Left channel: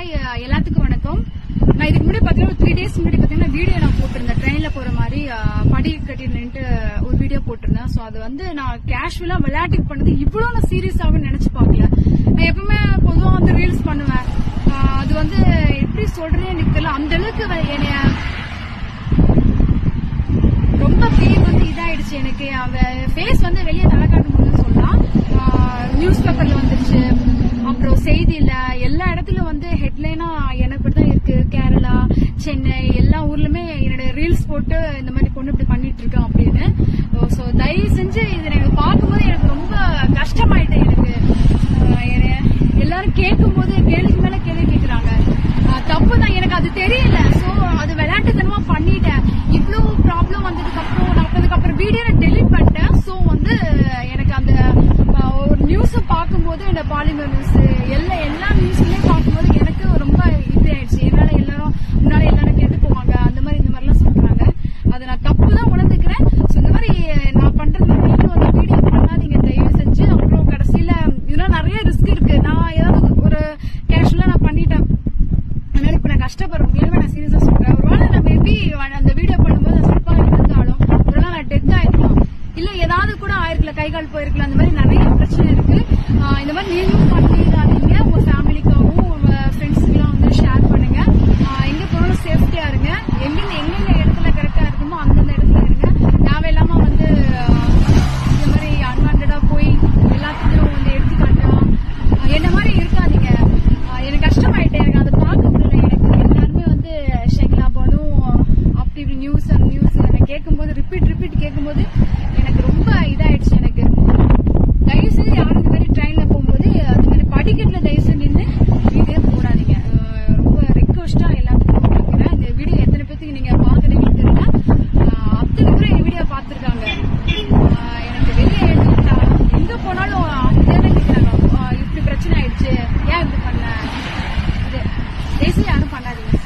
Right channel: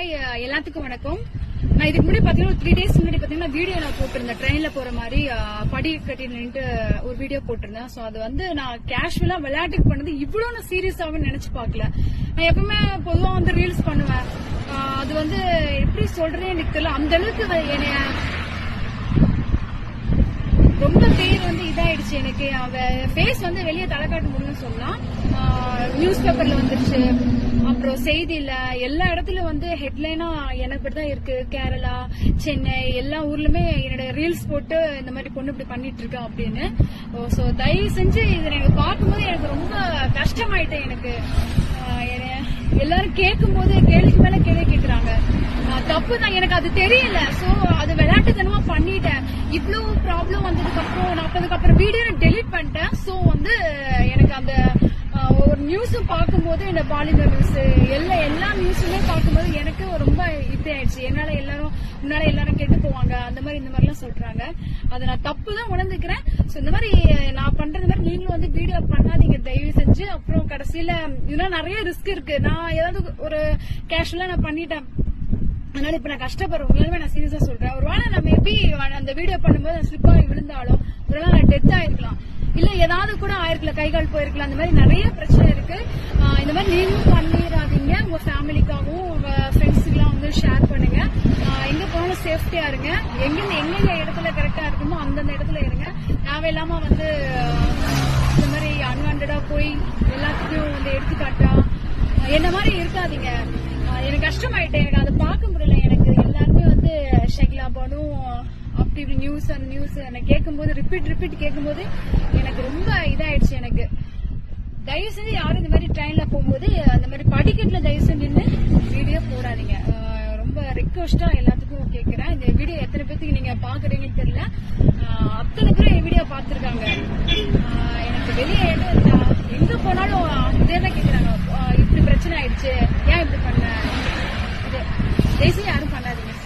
Hi எல்லாத்துக்கும் வணக்கம். நான் இதுக்கு முன்னாடி பாத்தீங்கன்னா 3 days முன்னாடி பாத்தீங்கன்னா வீடியோ நான் போட்டிருந்தேன். ட்ரெயின்ல போற மாதிரி படி கட்டி நின்று ஒரு வீடியோ போட்டிருந்தேன். ஸோ அது வந்து நான் கேஷுவலா விளையாட்டுக்கு பண்ணது இவ்வளவு நான் சீரியஸாவும் நினைச்சு பார்க்கல. நான் எப்பவுமே பொதுவா வந்து ரீல்ஸ் பண்ணுவேன். அது வந்து எப்படி சொல்றேன்னு எனக்கு தெரியல. அந்த அளவுக்கு என்னைய ரொம்ப பேர் வந்து இதாயிடுச்சு. எனக்கு அவன் ஃபேஸ் வந்து வெளியே தலை காட்டும் போதுன்னு சொல்லலாம். நியூஸ் பேப்பர்ல வந்துருச்சு, அப்புறம் செய்தியில எல்லா இடத்துலயும் வந்து ஹெட்லைனா எனக்கு தான் இருக்கு. கேரளா, சென்னை எல்லா ஊர்லயுமே என்னோட ரீல்ஸ் போட்டு இந்த மாதிரி பொண்ணு இப்படி பண்ணிட்டு இருக்கேன் அப்படின்னு. ஸோ தயவு செஞ்சு இதை எனக்கு பார்க்கும்போது எனக்கு ரொம்ப கஷ்டமாயிட்டேன். எனக்கு எல்லாரும் கேட்கும் போது கேள்விக்கு மேல கேள்வி கேட்கறாங்க. தப்பு தான், எனக்கு அது தெரியல. ஸோ அது விளையாட்டுத்தனமா பண்ணிட்டேன். இவ்வளவு ப்ராப்ளம் வந்ததுக்கு அப்புறம் நான் அதுக்கப்புறம் வீடியோ டெலிட் பண்ணிட்டேன். ஸோ வந்து எனக்கு அந்த ஒரு நியூஸ் பார்க்கும்போது இந்த பாலிமர் நியூஸ் எல்லா நியூஸுமே பார்க்கும்போது எனக்கு ரொம்ப இது ஆயிடுச்சு. என்னால எல்லாரும் கேட்டு போவாங்க, அந்த மாதிரி இந்த மாதிரிலாம் சொல்றாங்க. அதை நான் தப்பு தான் உணர்ந்துக்கிறேன். ஸோ இந்த மாதிரி நான் பண்றதுல நீங்களும் வந்து வீடியோ பண்ணாதீங்க தயவு செஞ்சு. அப்புறம் கடைசியில இதெல்லாம் நிறைய ரிஸ்க் இருக்கு. நான் ஏதாவது ஒரு கேஷுவலா நான் பண்ணிட்டேன், அதனால இப்ப நான் கஷ்டப்படுறேன். உண்மையாலுமே நான் சீரியஸா சொல்றேன். ஒருவேளை நான் மேபி அந்த வீடியோ பண்ணும்போது சிறப்பா இருந்தாலும் ஒருவேளை நான் டெத் ஆயிருக்கலாம், இல்ல ஏதாவது கூட ஆயிருக்கல, கை கால் போயிருக்கலாம். அந்த மாதிரி நிறைய பிரச்சனை இருக்கு. இந்த மாதிரி நீங்களும் பண்ணிடாதீங்க. உங்க ஃபேமிலிக்காகவும் உங்க ஃப்ரெண்ட்ஸுக்கெல்லாம் வந்து ஷேர் பண்ணுங்க. எங்க போனாலும் சேஃப்டியா இருங்க. எங்கெந்த இடத்துல கரெக்டா இருக்குமோ அந்தந்த இடத்துல இருங்க. தேவையில்லாம வந்து இந்த மாதிரி அன்வான்டா போய் எல்லாத்துக்கும் வந்து எடுத்துக்காட்டா என்ன மாதிரி இருக்காதீங்க. எனக்கு கஷ்டமாயிட்டேன். எனக்கு அதை பார்க்க முடியல. எனக்கு எல்லாருமே வந்து ஷைனா பானும் அப்படி நியூஸ் எனக்கு கேட்கும்போது ரிப்பீட் கேட்கும்போது எனக்கு ரொம்ப இதாயிடுச்சு. எனக்கு தயவு செஞ்சு யாரும் இந்த மாதிரி ட்ரெயின்ல போகும்போது அந்த மாதிரி படிக்கட்டுல தயவு செஞ்சு நின்று வீடியோ போடாதீங்க. ரொம்ப ரெக்வஸ்டா எல்லாத்துக்கும் கேட்கிறேன். இந்த வீடியோ எத்தனை பேருக்கு நீங்க பாக்குறீங்கன்னு தெரியல. அத்தனை பேரும் என் வீடியோ பார்த்திருக்காங்க. எனக்கு வெளியே எங்க போனாலும் இதே கேட்கிறாங்க, இப்படி பிரச்சனை ஆயிடுச்சு, ஏன் இப்படி பண்ண. தயவு செஞ்சு யாரும் பண்ணாதீங்க.